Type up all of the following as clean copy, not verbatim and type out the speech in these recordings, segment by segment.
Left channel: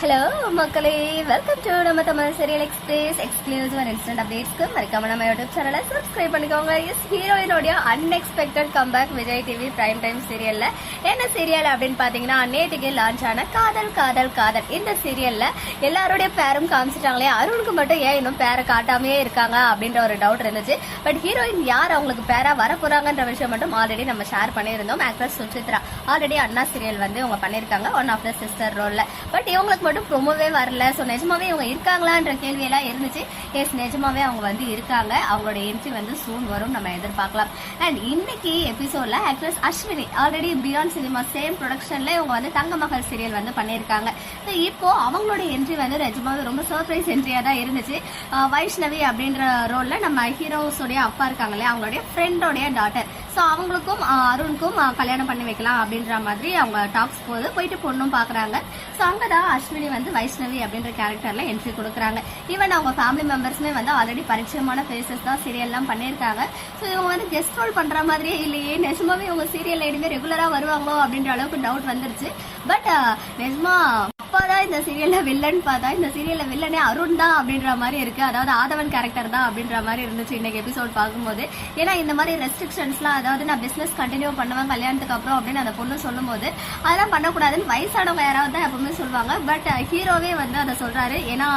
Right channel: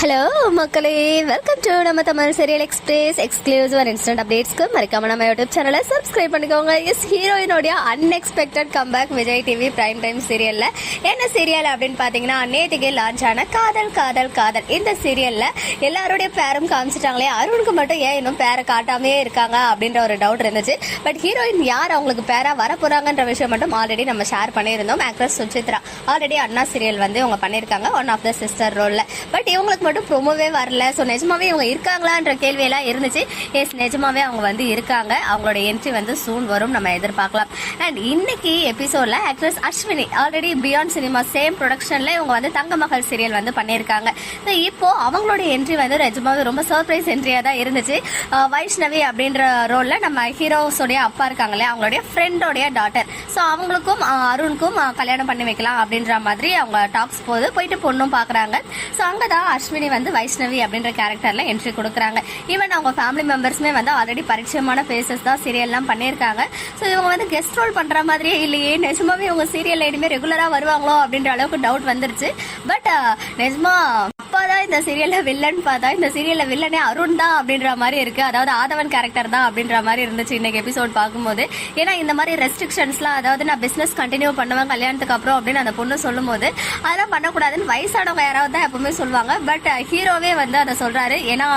Hello மக்களே, welcome to நம்ம Tamil serial express exclusive and instant அப்டேட்ஸ்க்கு மறக்காம நம்ம யூடியூப் சேனலை சப்ஸ்கிரைப் பண்ணிக்கோங்க. எஸ், ஹீரோயினோடைய unexpected comeback Vijay TV prime time சீரியல்ல. என்ன சீரியல் அப்படின்னு பாத்தீங்கன்னா, நேற்றுக்கே லான்ச் ஆன காதல் காதல் காதல். இந்த சீரியல்ல எல்லாருடைய பேரும் காமிச்சிட்டாங்களே, அருணுக்கு மட்டும் ஏன் இன்னும் பேரை காட்டாமே இருக்காங்க அப்படின்ற ஒரு டவுட் இருந்துச்சு. பட் ஹீரோயின் யார் அவங்களுக்கு பேரா வர போறாங்கன்ற விஷயம் மட்டும் ஆல்ரெடி நம்ம ஷேர் பண்ணியிருந்தோம். Actress Suchitra already Anna serial வந்து இவங்க பண்ணிருக்காங்க, ஒன் ஆஃப் த சிஸ்டர் ரோல்ல. பட் இவங்களுக்கு மட்டும் ப்ரோமோவே வரல. ஸோ நிஜமாவே இவங்க இருக்காங்களான்ற கேள்வியெல்லாம் இருந்துச்சு. எஸ், நிஜமாவே அவங்க வந்து இருக்காங்க. அவங்களோட என்ட்ரி வந்து சூன் வரும், நம்ம எதிர்பார்க்கலாம். அண்ட் இன்னைக்கு எபிசோட்ல actress Ashwini already beyond cinema same ப்ரொடக்ஷன்ல இவங்க வந்து தங்க மகள் சீரியல் வந்து பண்ணியிருக்காங்க. ஸோ இப்போ அவங்களோட என்ட்ரி வந்து நிஜமாவே ரொம்ப சர்ப்ரைஸ் என்ட்ரியா தான் இருந்துச்சு. வைஷ்ணவி அப்படின்ற ரோல்ல நம்ம ஹீரோஸோடைய அப்பா இருக்காங்களே, அவங்களுடைய ஃப்ரெண்டோடைய டாட்டர். ஸோ அவங்களுக்கும் அருணுக்கும் கல்யாணம் பண்ணி வைக்கலாம் அப்படின்ற மாதிரி அவங்க டாக்ஸ் போயிட்டு பொண்ணும் பாக்குறாங்க. ஸோ அங்கதான் அஸ்வினி வந்து வைஷ்ணவி அப்படின்ற கேரக்டர்ல என்ட்ரி கொடுக்குறாங்க. ஈவன் அவங்க ஃபேமிலி மெம்பர்ஸ்மே வந்து ஆல்ரெடி பரிச்சயமான ஃபேஸஸ் தான் சீரியல்லாம் பண்ணியிருக்காங்க. ஸோ இவங்க வந்து கெஸ்ட் ரோல் பண்ற மாதிரியே இல்லையே, நிஜமாவே இவங்க சீரியல் இனிமே ரெகுலரா வருவாங்களோ அப்படின்ற அளவுக்கு டவுட் வந்துருச்சு. பட் நிஜமா அப்பாதான் இந்த சீரியல்ல வில்லன் பார்த்தா இந்த சீரியல்ல வில்லனே அருண் தான் அப்படின்ற மாதிரி இருக்கு. அதாவது ஆதவன் கேரக்டர் தான் அப்படின்ற மாதிரி இருந்துச்சு இன்னைக்கு எபிசோட் பார்க்கும்போது. ஏன்னா இந்த மாதிரி ரெஸ்ட்ரிக்ஷன்ஸ்லாம், அதாவது நான் பிசினஸ் கண்டினியூ பண்ணுவேன் கல்யாணத்துக்கு அப்புறம் அப்படின்னு அந்த பொண்ணு சொல்லும் போது அதெல்லாம் பண்ணக்கூடாதுன்னு வயசானவங்க யாராவது தான் எப்பவுமே சொல்லுவாங்க. பட் ஹீரோவே வந்து அதை சொல்றாரு. ஏன்னா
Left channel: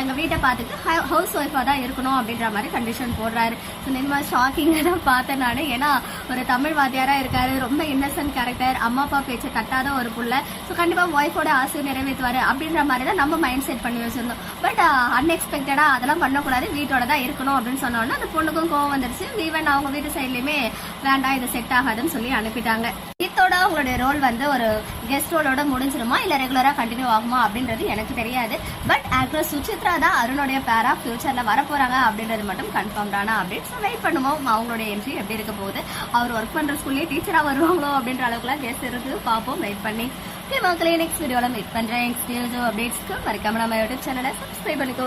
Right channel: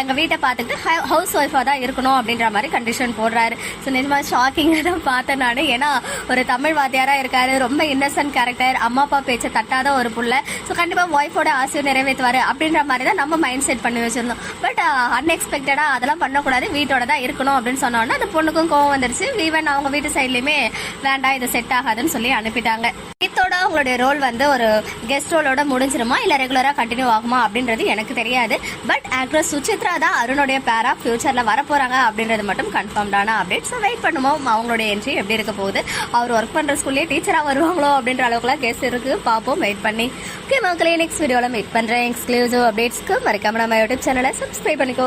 எங்க வீட்டை பார்த்துட்டு ஹவுஸ் ஒய்ஃபா தான் இருக்கணும் அப்படின்ற மாதிரி கண்டிஷன் போடுறாரு. ஸோ நிஜமா ஷாக்கிங்காக தான் பார்த்தேன் நான். ஏன்னா ஒரு தமிழ் வாத்தியாரா இருக்காரு, ரொம்ப இன்னசென்ட் கேரக்டர், அம்மா அப்பா பேச்சை தட்டாத ஒரு புள்ள. ஸோ கண்டிப்பா ஒய்ஃபோட ஆசையை நிறைவேற்றுவாரு அப்படின்ற மாதிரி தான் நம்ம மைண்ட் செட் பண்ணி வச்சிருந்தோம். பட் அன்எக்ஸ்பெக்டடா அதெல்லாம் பண்ணக்கூடாது, வீட்டோட தான் இருக்கணும் அப்படின்னு சொன்னோன்னா அந்த பொண்ணுக்கும் கோவம் வந்துருச்சு. ஈவன் அவங்க வீட்டு சைட்லயுமே வேண்டாம், இது செட் ஆகாதுன்னு சொல்லி அனுப்பிட்டாங்க. இதோட அவங்களுடைய ரோல் வந்து ஒரு கெஸ்ட் ரோலோட முடிஞ்சிருமா இல்ல ரெகுலரா கண்டினியூ ஆகுமா அப்படின்றது எனக்கு தெரியாது. பட் ஆக்ட்ரஸ் சுசித்ரா தான் அருணுடைய பேரா ஃபியூச்சர்ல வரப்போறாங்க அப்படின்றது மட்டும் கன்ஃபார்ம்டான அப்டேட். ஸோ வெயிட் பண்ணுவோம் அவங்களுடைய என்ட்ரி எப்படி இருக்க போகுது. அவர் ஒர்க் பண்ற ஸ்கூல்லேயே டீச்சரா வருவாங்களோ அப்படின்ற அளவுக்குலாம் கெஸ்ட் இருக்கு, பார்ப்போம், வெயிட் பண்ணி. ஓகே மக்களே, நெக்ஸ்ட் வீடியோல மீட் பண்றேன். எக்ஸ்க்ளூசிவ் அப்டேட்ஸ்க்கு மறக்காம நம்ம யூடியூப் சேனலை சப்ஸ்கிரைப் பண்ணிக்கோ.